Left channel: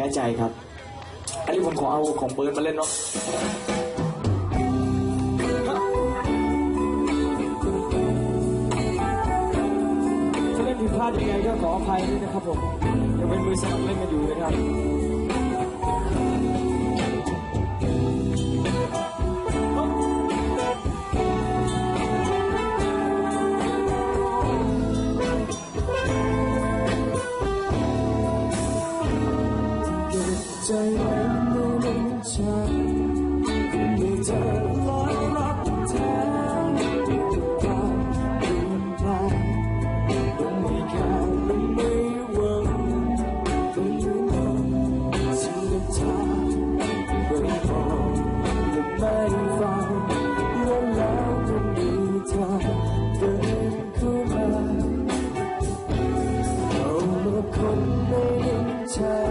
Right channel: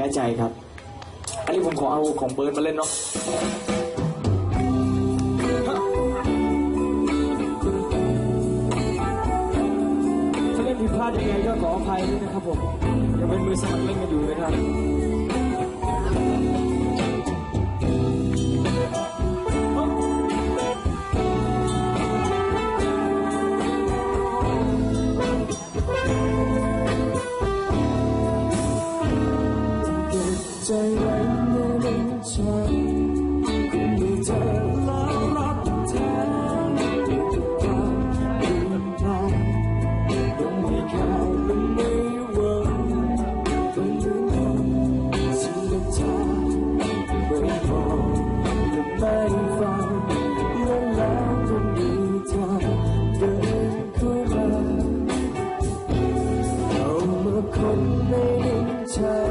พ้ใจครับ อันนี้ผมขอเอาของเบิร์ดมาเล่นเนาะถ้าเล่นผิดพลาดยังไงก็ขออภัยด้วยนะครับผมยังเป็นมือสมัครเล่นกันอยู่นะครับ ใจไว้ในลิ้นชักมีเธอแล้วรักแท้ที่จะความเปลี่ยนแปลงต้องมีแค่ก็ไม่หวังก็ลืมบอกสิ่งที่เธอไม่บอกและไม่ฟังและแล้วก็มีเธอเดินเข้ามาเอามาคนในลิ้นชัก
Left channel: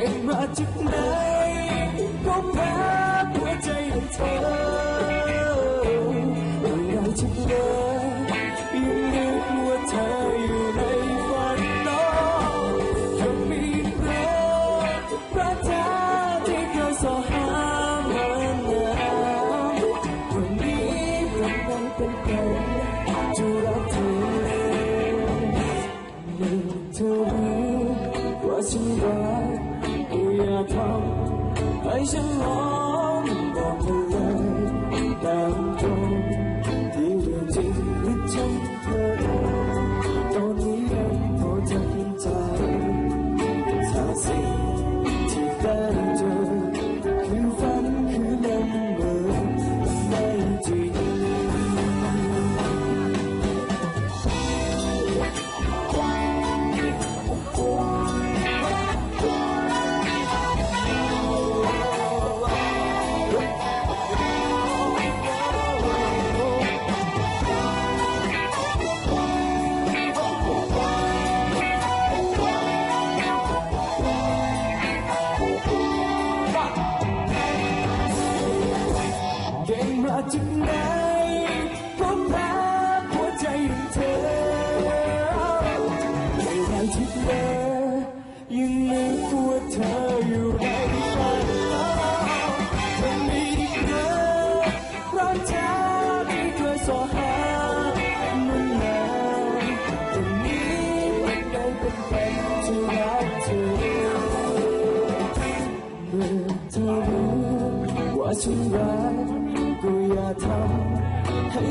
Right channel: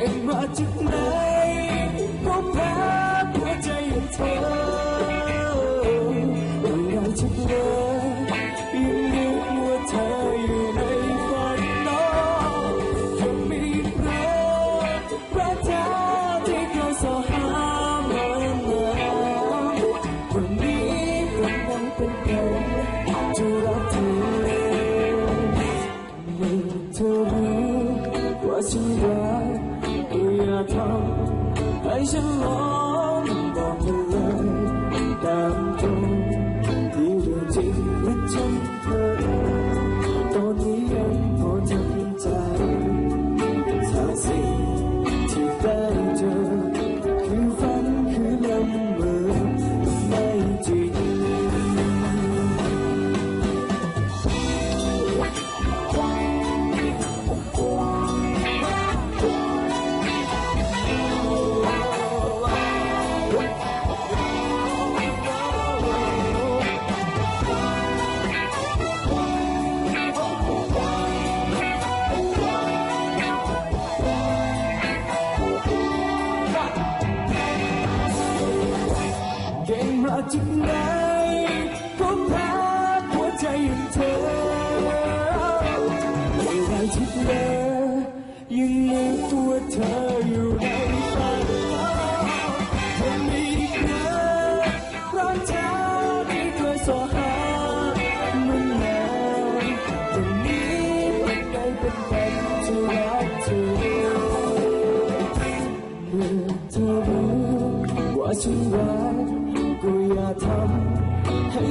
เกิดมาจากไหนก็แพ้หัวใจของเธอ จากไหนก็แพ้หัวใจของเธอไม่ไรที่เธอยังนึกว่าเธออยู่ในฝันเธอมีอีกนะรักเธอที่เคยสอหามันนานวันนี้มันได้เป็นวันที่รักเธอเมื่อเธอรู้ว่าฉันรัก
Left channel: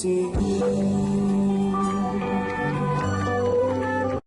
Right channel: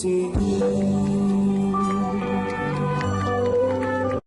记忆